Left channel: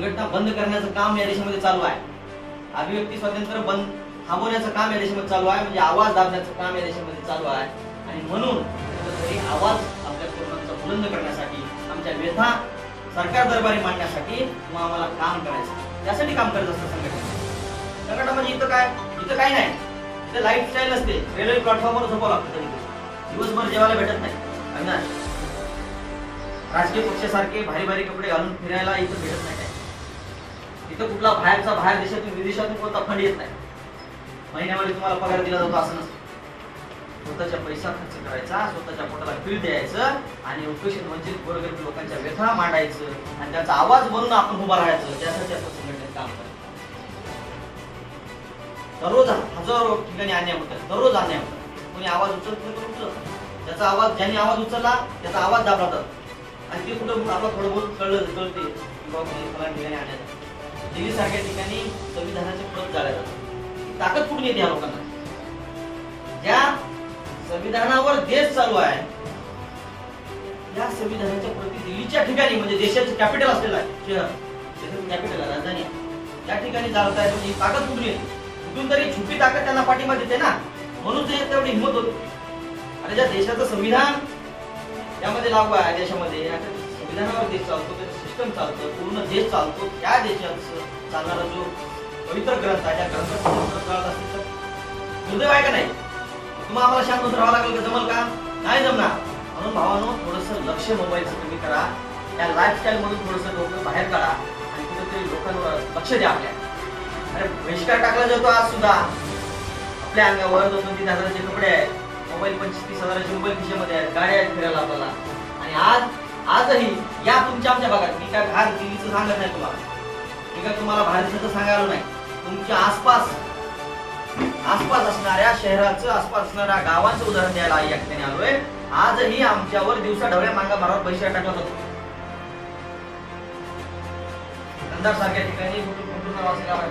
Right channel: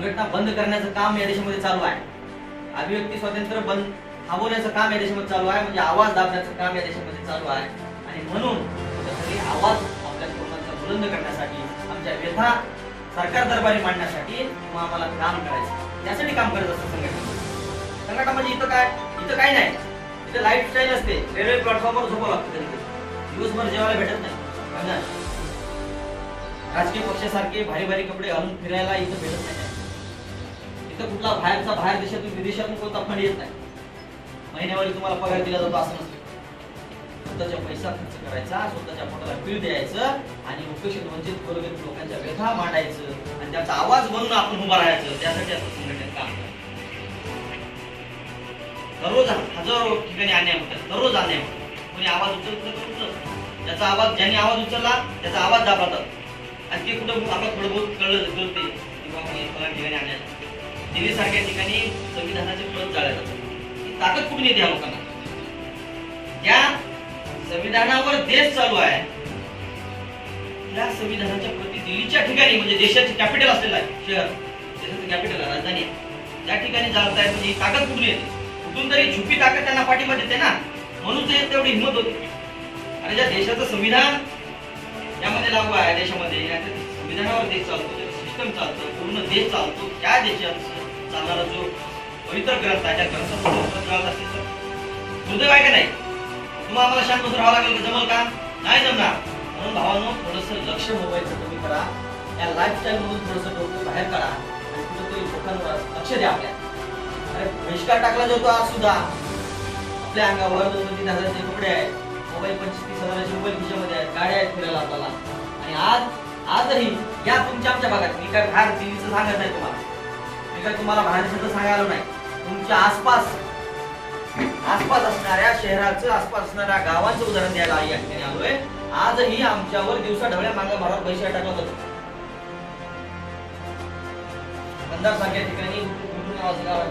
संघटना बंद करण्याचं काम या देशामध्ये चालू आहे. अभिव्यक्ती स्वातंत्र्य बंद थांबवण्याचं काम या देशामध्ये चालू आहे. म्हणजे आवाज दाबण्याचं काम या देशामध्ये चालू आहे. आणि म्हणून कुठेतरी आवाज आपल्या तरुणांचा बुलंद करण्यासाठी, आमच्या व्यथा सरकार दरबारी मांडण्यासाठी आम्हाला काम करायचं, त्यासाठी काम करत असतं संघटना म्हणजे इथं काय नाही. इथं लाईफस्टाईल असते. रेल्वे प्लॅटफॉर्मवर झोपावं लागतं, दिवसभर जेवायला भेटत नाही. राजकीय पक्षासारखे भारी भारी कपडे घालून फिरायला इथं भेटत नाही. इथं कुठला बाहेर देशातून विदेशातून कोणता फंड येत नाही. महिन्यावारी तुम्हाला पगार दिला जातो असं नसतं. स्वतःचा पैसा खर्च करायचा, स्वतःच्या पोटाला पीळ द्यायचं आणि उपेक्षित वंचित गोरगरीब लोकांच्या व्यथा मांडायचं आणि त्याचा आवाज बनून आपण उभा राहायचं. त्यासाठी असं संघटनेत काम करायचं. दररोज हजारो ठिकाणी अन्याय होतात, दररोज अन्याय होतात. कोणी आवाज उचलत, त्याचा आवाज ज्यांनी आवाज उचलला त्याचा आवाज दाबला जातो आणि ते कुठं आपलं थोडं बहुत कळते की बाबा फलान ठिकाणी अन्याय. दिल्ली सारख्या ठिकाणी संविधानाचे प्रत जाळल्या जातात. ताकद कुठून येते या लोकांना? ज्या संविधानावर देश चालू आहे त्या संविधानाच्या प्रति दिल्लीच्या ठिकाणी, म्हणजे देशाचे कॅपिटल असलेलं आहे शहर, देशाचं कॅपिटल आहे, राजधानी आहे, त्या ठिकाणी चालत आहे. म्हणजे ही ताकद कुठून येते? कुठून तरी छुपी ताकद त्यांना पाठिंबा देते ना, म्हणून तेवढी हिंमत होती. आणि ज्या देशाचं संविधान यामध्ये लागू आहे, देशामध्ये संविधानावर देश चालतो, सिस्टम चालतं, पूर्ण देश चालतो, त्या देशाचं चालणारा जो पवित्र ग्रंथ आहे, त्या ग्रंथात असेल तर दुर्दैव आहे का नाही? तुम्हाला आम्हाला शांत बसून राहावं लागेल, जमल का? नाही जमणार. म्हणून भावांनो, थोडंसं लक्ष मोबाईलचं कमी करा, या लाईफस्टाईल मधून थोडंसं डोकं बाहेर काढा आणि कुठेतरी लोकांवर लक्ष द्या. आपल्या अरे बहिष्कार टाकला जातो आज सुद्धा. आपल्या अंगावर 2-3 कपडे आहेत, मोबाईल 25-30 रुपये खिशेमध्ये आहेत, गाड्या आहेत फिरायला आपल्याला. आणि आजही या तुमच्या आमच्या भागात, मी काय बाहेर दिल्लीचं सांगत नाही तुम्हाला, मी काय तुम्हाला बाहेरचं सांगायला नाही, तुमच्या आसपास असणाऱ्या शहराचं, आसपास असणाऱ्या गावांचं उदाहरण द्यायला या ठिकाणी आलोय. आजही आमच्यावर दिवसा ढवळ्या मांगा मारावर बहिष्कार टाकला जातो. कंधार सारख्या ठिकाणी नावाचं गाव आहे,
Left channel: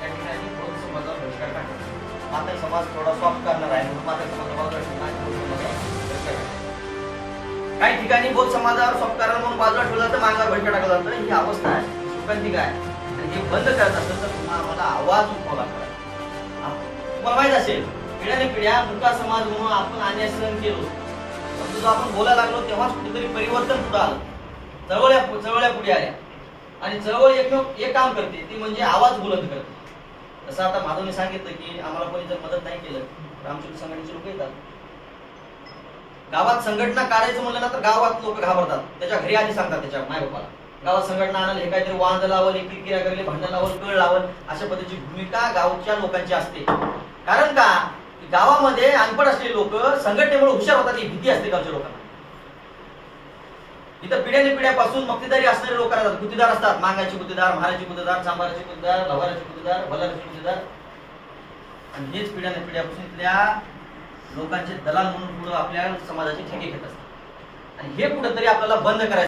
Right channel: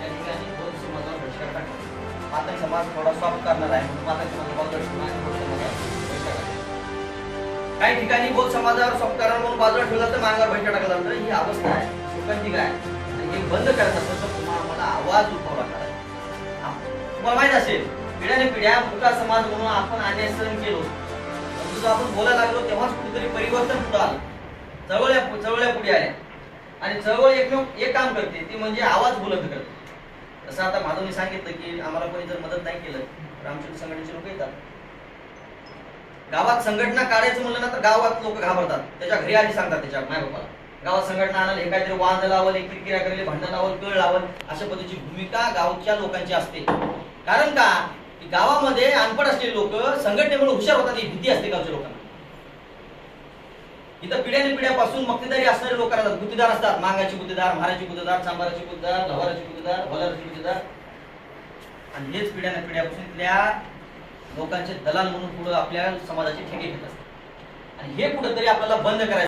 त्या ठिकाणी बौद्ध समाजावर बहिष्कार टाकला. मातक समाज थोडा सॉफ्ट करणार आहे, मातक समाज काही ठिकाणी बौद्ध समाजावर सॉफ्ट करणार म्हणून बाजूला ठेवलं जातं, मांगावर बहिष्कार टाकला जातं. ही अवस्था आहे लोकांची. काय आणि हे बंद करत असेल तर तुम्हाला आवाज उठवावा लागणार. तुम्हाला माहित असेल, पिढ्याने पिढ्या मुका समाज म्हणून आपण अन्याय सहन केलो, परंतु आपण बोलायला लागलो तेव्हाच कुठेतरी परिवर्तन सुद्धा आलं. चळवळ्या पुढे आल्या आणि चळवळ एक काम करते, ती म्हणजे आवाज बुलंद करते. जसं आता माधवने सांगितलं की आम्हाला कोणी जर मदत नाही केलं तर आमच्या संघटनेचे लोक येतात. गावात संघटना काढायचं म्हणलं ना तर गावात लोक घाबरतात. त्याच्या घरी आधी सांगतात त्याच्या मायबापाला, गावात संघटना आणलं, हे काहीतरी वांद लावल, एक किरकिरा करेल, भांडण लावल, कळ लावल, अशा पद्धतीची भूमिका गावच्या लोकांची असते. कारण का? की गावामध्ये अनपढ असलेले लोक संघटनेमुळे हुशार होतात, ही भीती असते गावच्या लोकांना. इथं पिढ्याने पिढ्यापासून मक्तेदारी असणारे लोक असतात, गुत्तेदार असतात, मांगाचे गुत्तेदार, म्हाराचे गुत्तेदार, चांबाराचे गुत्तेदार, भवाराचे गुत्तेदार, भलाराचे गुत्तेदार. आणि हेच पिढ्याने पिढ्यापासून इथल्या लोकांचे दलाल म्हणून पुढे आपल्या समाजाचे ठेके घेत असतात. आणि हे कुठेतरी आपल्याला बंद करायचं.